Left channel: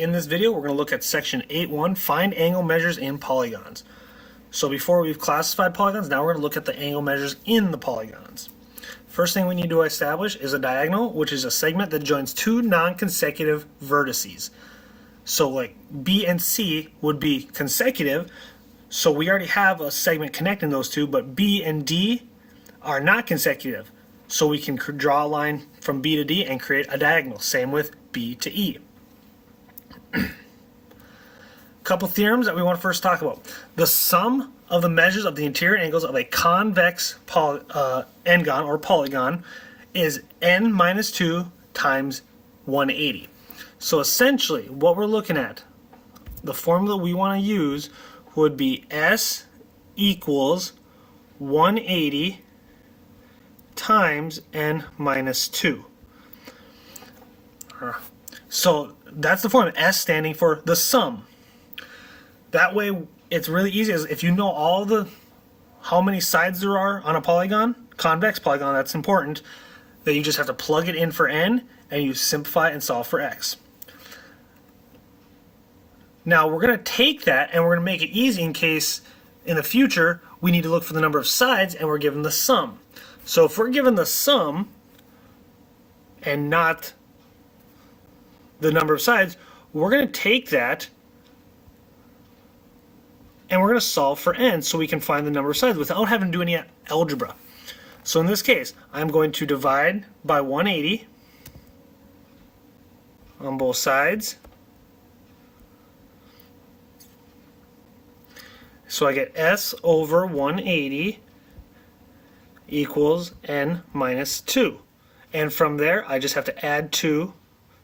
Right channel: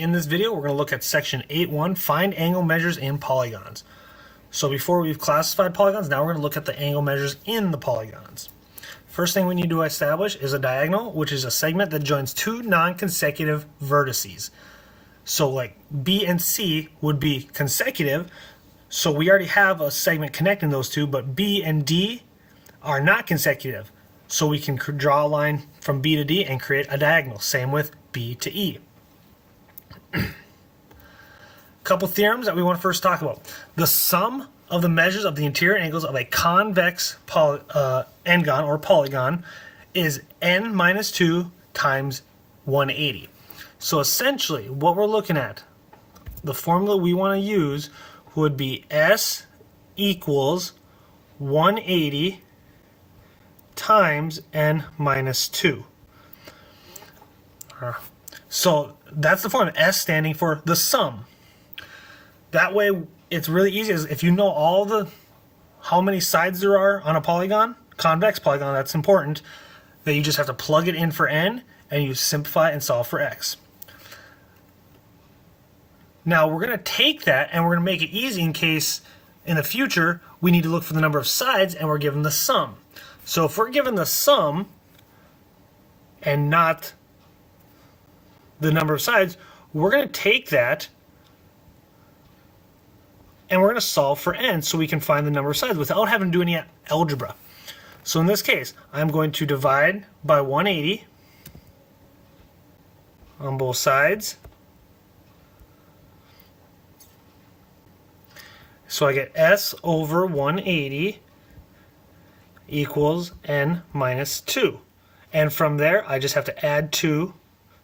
in this video, we're going to look at section 8.1, find angle measures in polygons. So before we've classified polygons, now we're going to look at the angle measures in the polygons. First thing we need to establish is a diagonal, which is a segment that joins two non-consecutive vertices. So like B and C would be consecutive, so we already have a segment connecting those two, but B and D are not consecutive. So we can draw a line from B to D and create a diagonal. Same with B to E. Couple theorems that we want to first talk about. The sum of the measures of the interior angles of a convex n-gon or polygon is n minus 2 times 180. So essentially what we're looking at, the formula we want to use would be S equals 180 times n minus 2. So that's the formula, S standing for the sum. That way it's really easy. If you know how many sides there are on a polygon, convex polygon, that's important, that you just have to plug it in for n and you simplify and solve for x. Now we're going to take that and we're going to make it easy in case in the future we need to look for the number of sides and we're given the sum. So if we're given the sum and not the number of sides, we're going to take that and we're going to solve for n so we can find the number of sides without having to do any algebra. So in this case, I'm going to divide by 180 on both sides. So I get S over 180 equals n minus 2. And from there, I just have to add 2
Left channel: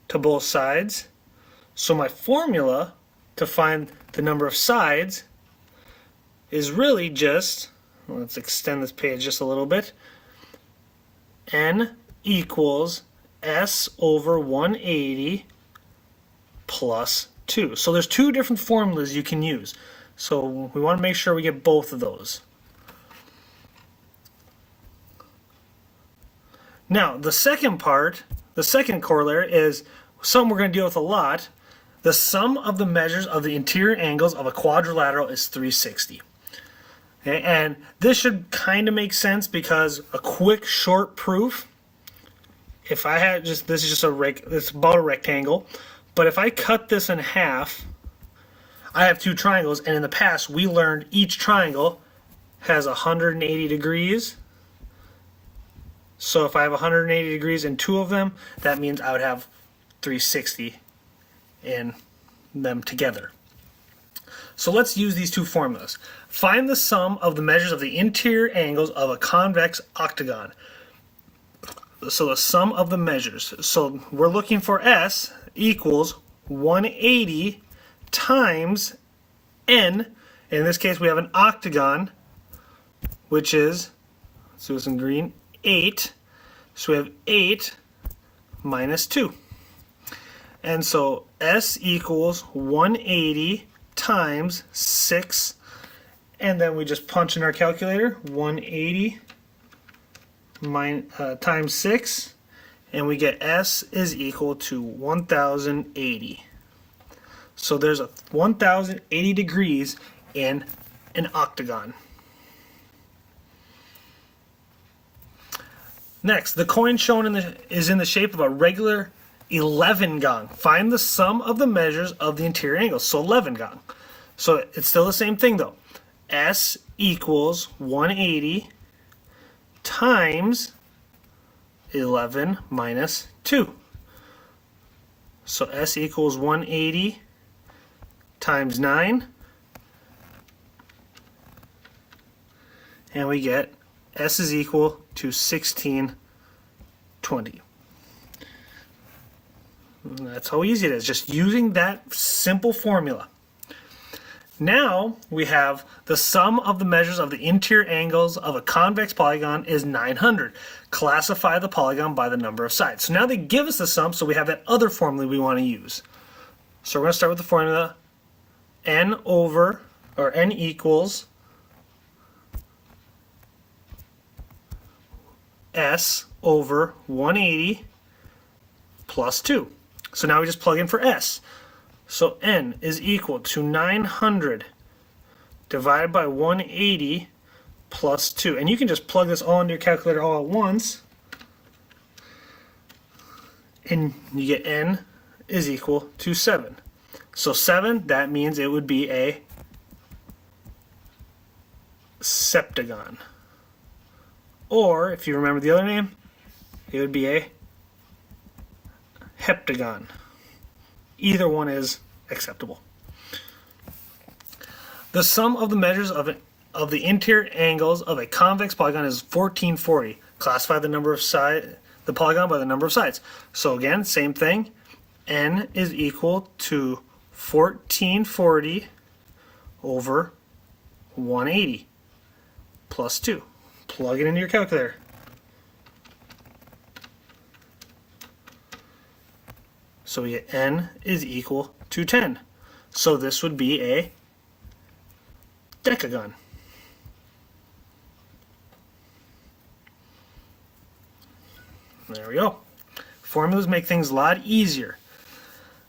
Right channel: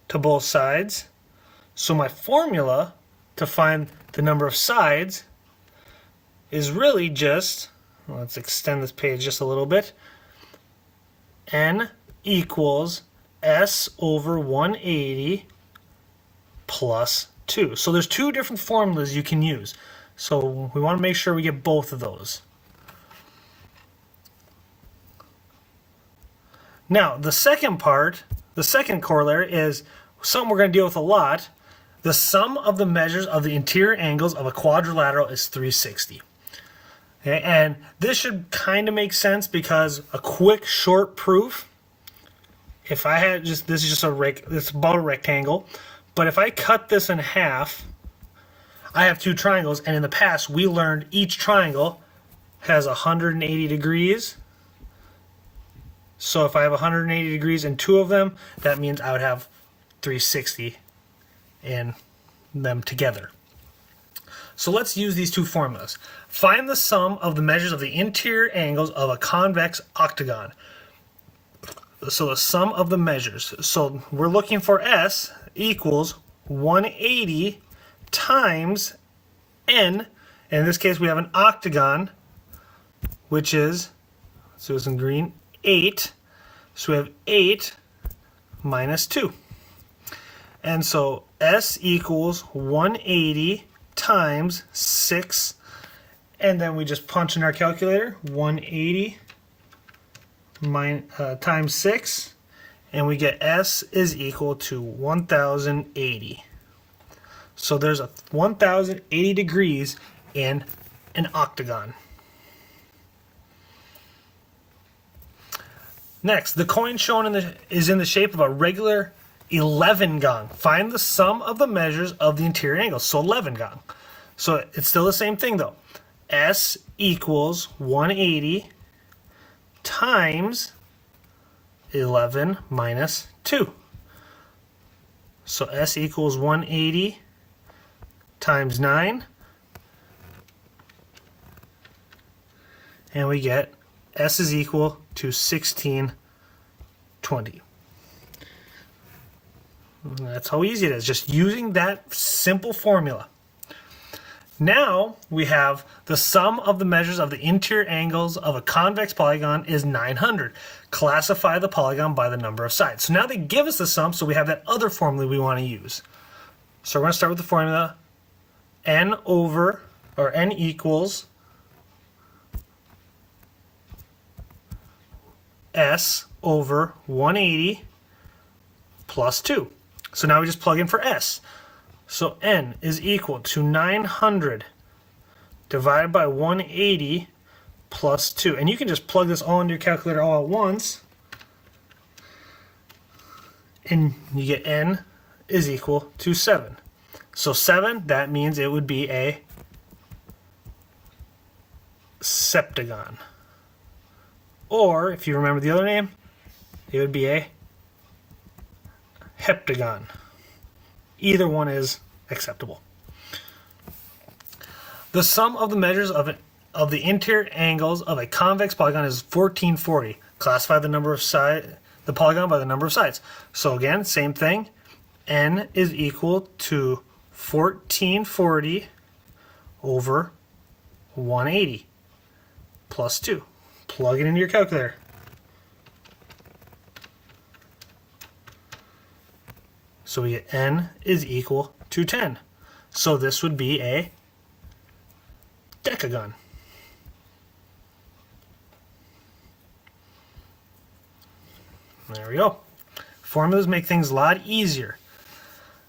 to both sides. So my formula to find the number of sides is really just, let's extend this page just a little bit, n equals S over 180 plus 2. So there's two different formulas you can use. So we want to make sure we get both of those. Now the second part, the second corollary is something we're going to deal with a lot. The sum of the measures of the interior angles of a quadrilateral is 360. Okay, and this should kind of make sense because a quick short proof, if I had just, this is just it's about a rectangle, but if I cut this in half, I have two triangles, and in the past we learned each triangle has 180 degrees. So if I have 180 degrees in two of them, that means I would have 360 in them together. So let's use these two formulas. Find the sum of the measures of the interior angles of a convex octagon. So the sum of the measures. So we're looking for S equals 180 times n, and in this case we have an octagon, which is, let's do this in green, 8. So we have 8 minus 2. And so S equals 180 times 6, and then we just punch in our calculator, 180 times 6, and we get S is equal to 1080. So there's a 1080 degrees in an octagon. Next, the coin shown is in the shape of a regular 11 gong. Find the sum of the measures of the interior angles. So 11 gong. So it's still the same thing though. S equals 180 times 11 minus 2. So S equals 180 times 9, and we get S is equal to 1620. And that's how easy it is, just using that simple formula. Now we have the sum of the measures of the interior angles of a convex polygon is 900. Classify the polygon by the number of sides. So now they give us the sum, so we have that other formula we want to use. So we're going to start with the formula n equals S over 180 plus 2. So now we just plug in for S. So n is equal to 900 divided by 180 plus 2. And you can just plug this all into your calculator all at once. And you get n is equal to 7. So 7, that means it would be a septagon. Or, if you remember the other name, it would be a heptagon. Either one is acceptable. The sum of the measures of the interior angles of a convex polygon is 1440. Classify the number of the polygon by the number of sides. So again, same thing. N is equal to 1440 over 180 plus 2. Plug it into your calculator. So we get n is equal to 10. So this would be a decagon. There we go. Formulas make things a lot easier.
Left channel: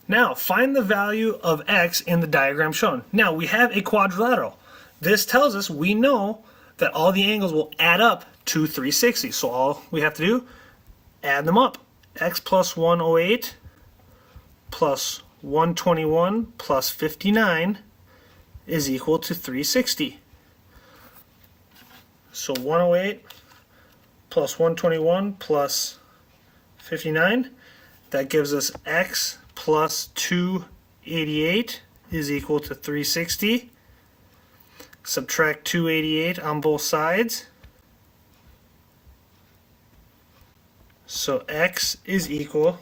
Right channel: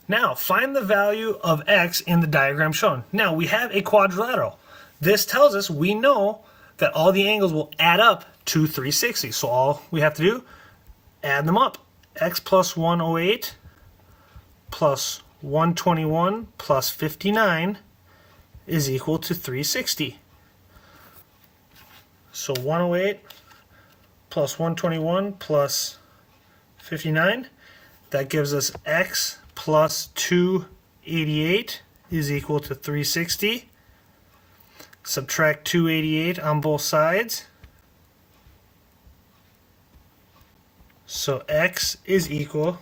Now, find the value of x in the diagram shown. Now, we have a quadrilateral. This tells us we know that all the angles will add up to 360. So all we have to do, add them up. X plus 108 plus 121 plus 59 is equal to 360. So 108 plus 121 plus 59, that gives us x plus 288 is equal to 360. Subtract 288 on both sides. So x is equal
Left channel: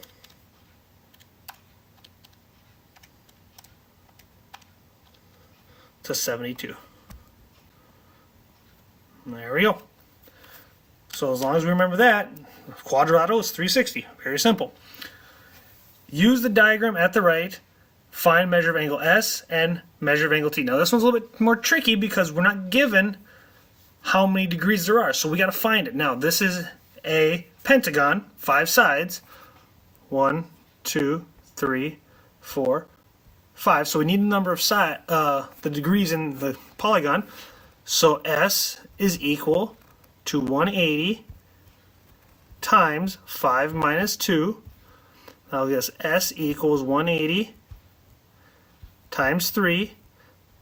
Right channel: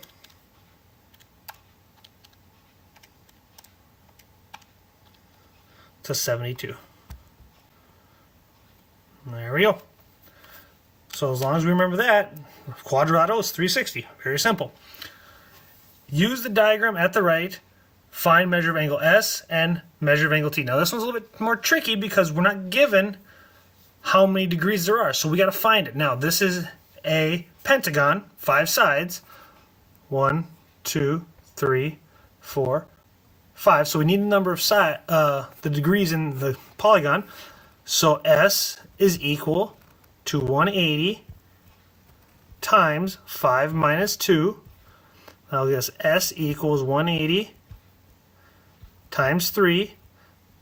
to 72. There we go. So as long as we remember that, quadrilateral is 360. Very simple. Use the diagram at the right. Find measure of angle S and measure of angle T. Now this one's a little bit more tricky because we're not given how many degrees there are. So we got to find it. Now this is a pentagon, 5 sides. 1, 2, 3, 4, 5. So we need the number of the degrees in the polygon. So S is equal to 180 times 5 minus 2. I'll guess S equals 180 times 3.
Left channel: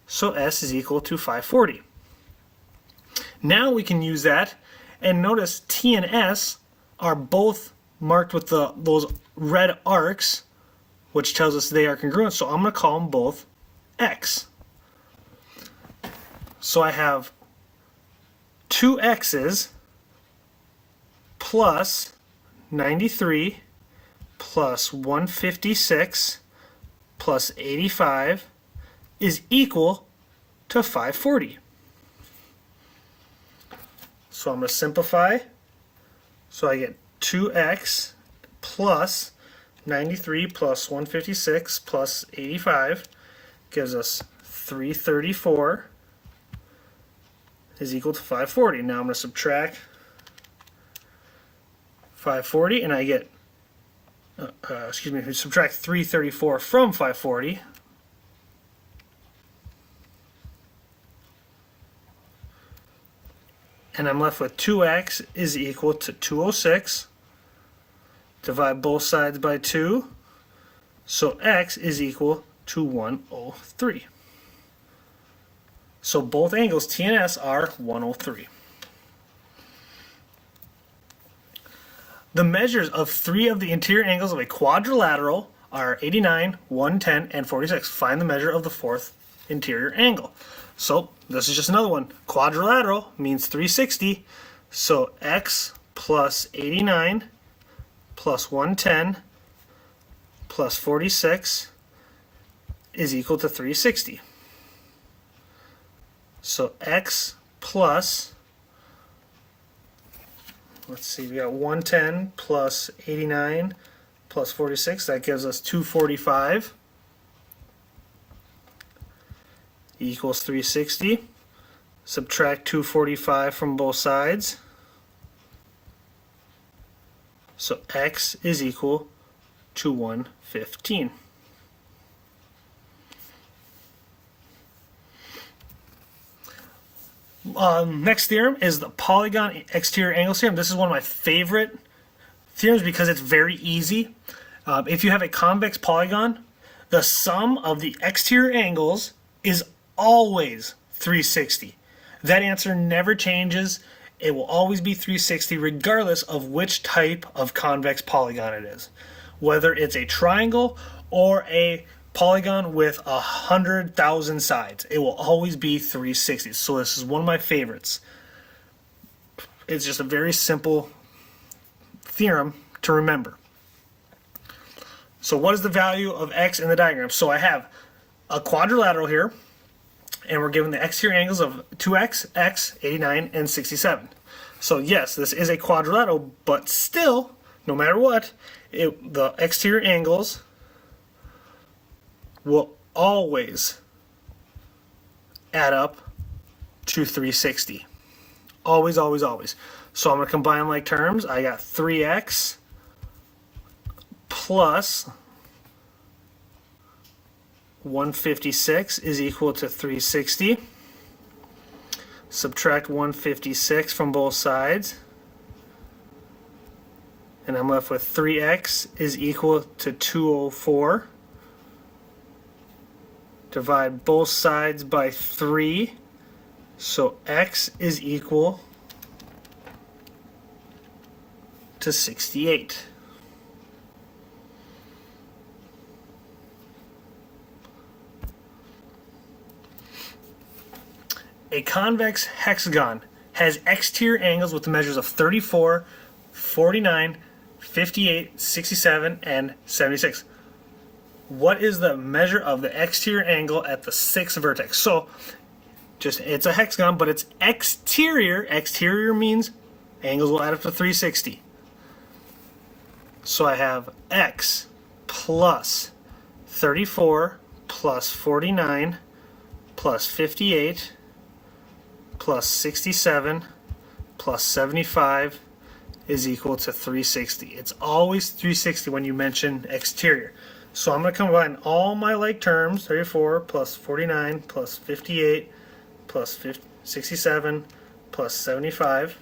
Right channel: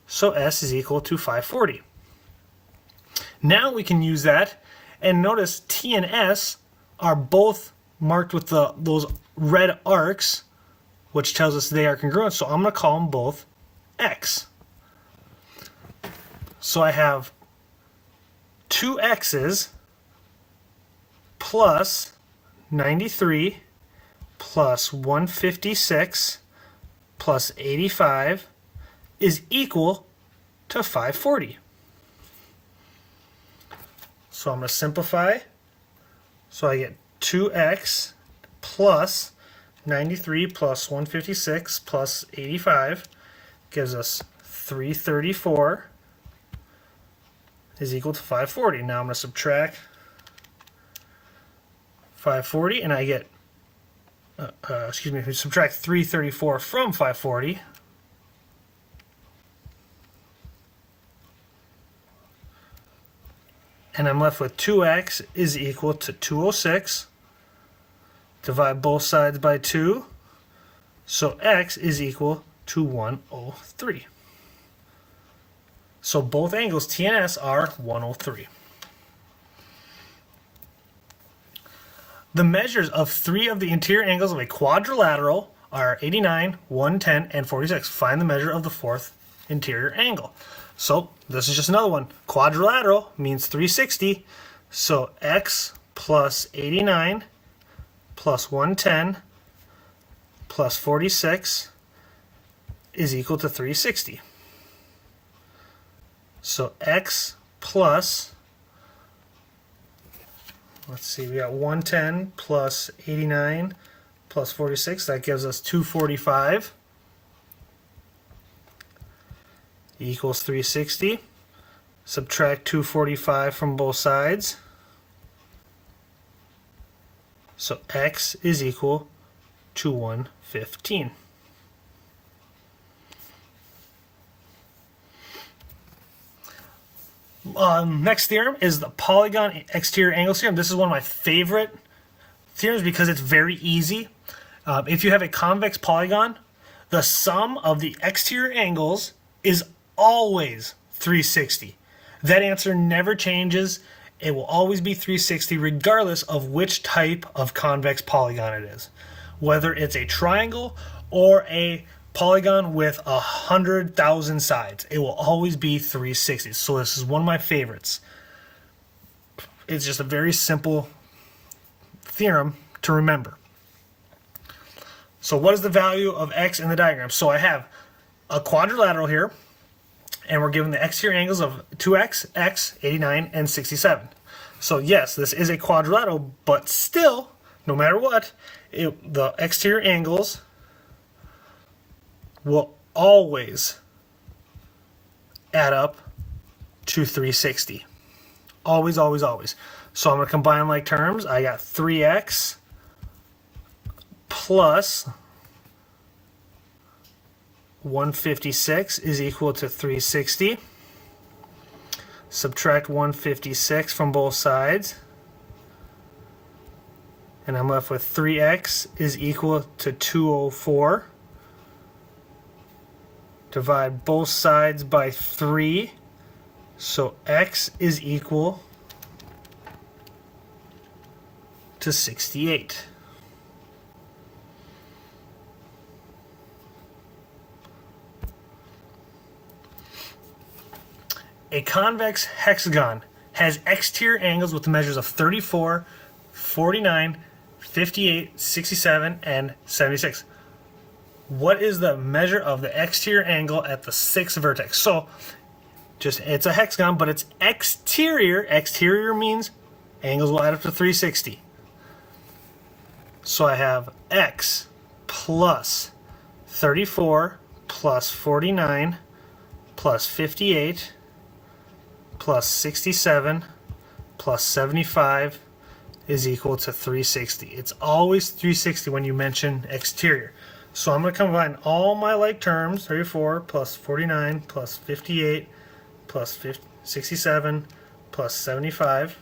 So S is equal to 540. Now we can use that, and notice T and S are both marked with those red arcs, which tells us they are congruent. So I'm going to call them both X. So I have 2 X's plus 93 plus 156 plus 85 is equal to 540. So I'm going to simplify. So I get 2x plus 93 plus 156 plus 85 gives us 334 is equal to 540. Now I'm going to subtract 540 and I get, we subtract 334 from 540. And I'm left with 2x is equal to 206. Divide both sides by 2. So x is equal to 103. So both angles T and S are 103. The measures of 3 of the interior angles of a quadrilateral are 89, 110, and 46. Find the measure of the 4th interior angle. So this is just another one. Quadrilateral means 360. So x plus 89 plus 110 plus 46 is equal to 360. So x plus, let's see, we got 110 plus 89 plus 46. That gives us 245. Equals 360. Subtract 245 from both sides. So x is equal to 115. Next theorem is the polygon exterior angles theorem. This is one of my favorite theorems because it's very easy. If you have a convex polygon, the sum of the exterior angles is always 360. That answer never changes. It will always be 360 regardless of which type of convex polygon it is. Whether it's a triangle or a polygon with 100,000 sides, it will always be 360. So this is one of my favorites. It's just a very simple theorem to remember. So what is the value of x in the diagram? So I have a quadrilateral here, and we're given the exterior angles of 2x, x, 89, and 67. So yes, this is a quadrilateral, but still, no matter what, the exterior angles will always add up to 360. Always, always, always. So I'm going to combine like terms. I got 3x plus 156 is equal to 360. Subtract 156 from both sides. And I'm left with 3x is equal to 204. Divide both sides by 3. So x is equal to 68. A convex hexagon has exterior angles with the measures of 34, 49, 58, 67, and 76. What is the measure of the exterior angle at the 6th vertex? So, it's a hexagon, but it's exterior. Exterior means angles will add up to 360. So I have x plus 34 plus 49 plus 58 plus 67 plus 75 is equal to 360. It's always 360 when you mention exterior. So I'm going to combine all my like terms, 34 plus 49 plus 58 plus 67 plus 75.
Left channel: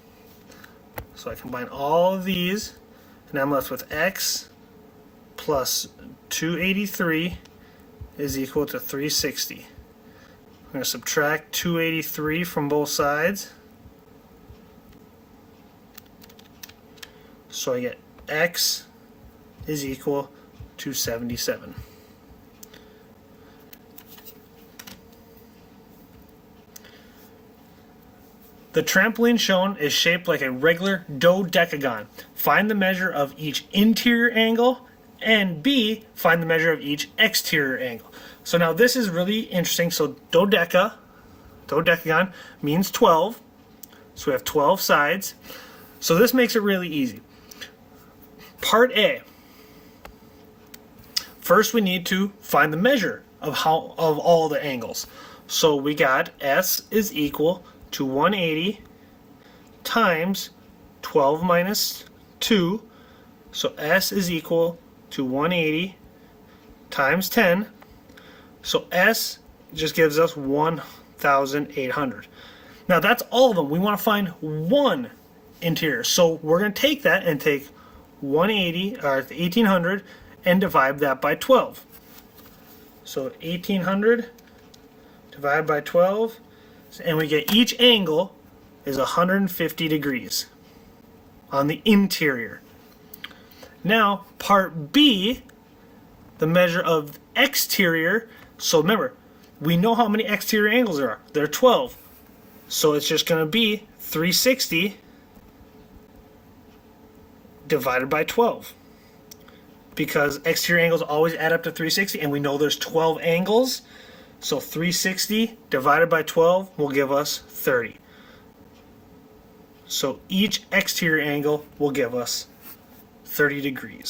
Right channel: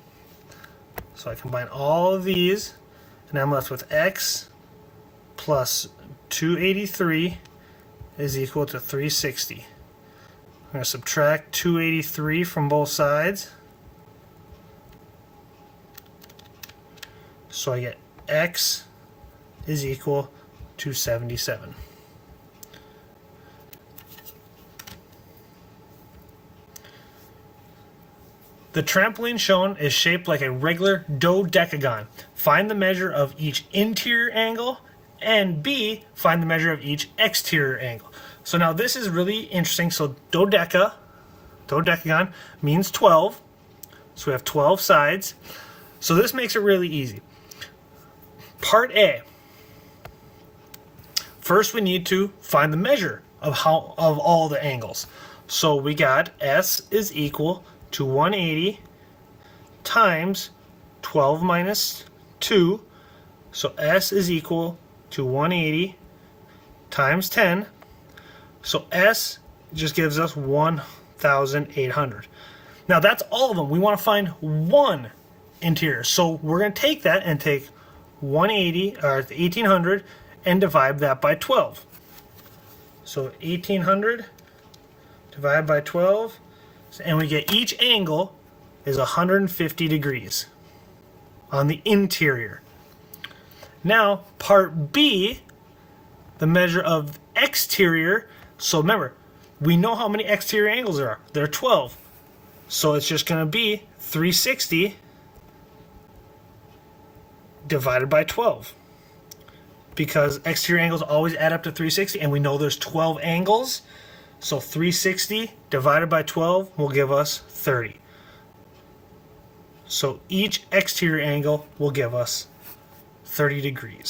So I combine all of these, and I'm left with x plus 283 is equal to 360. I'm going to subtract 283 from both sides. So I get x is equal to 77. The trampoline shown is shaped like a regular dodecagon. Find the measure of each interior angle, and B, find the measure of each exterior angle. So now this is really interesting. So dodecagon means 12. So we have 12 sides. So this makes it really easy. Part A. First we need to find the measure of all the angles. So we got S is equal to 180 times 12 minus 2. So S is equal to 180 times 10. So S just gives us 1,800. Now that's all of them. We want to find one interior. So we're going to take that and take 1,800 and divide that by 12. So 1,800 divided by 12, and we get each angle is 150 degrees on the interior. Now, part B, the measure of exterior. So remember, we know how many exterior angles there are. There are 12. So it's just going to be 360 divided by 12. Because exterior angles always add up to 360, and we know there's 12 angles. So 360 divided by 12 will give us 30. So each exterior angle will give us 30 degrees.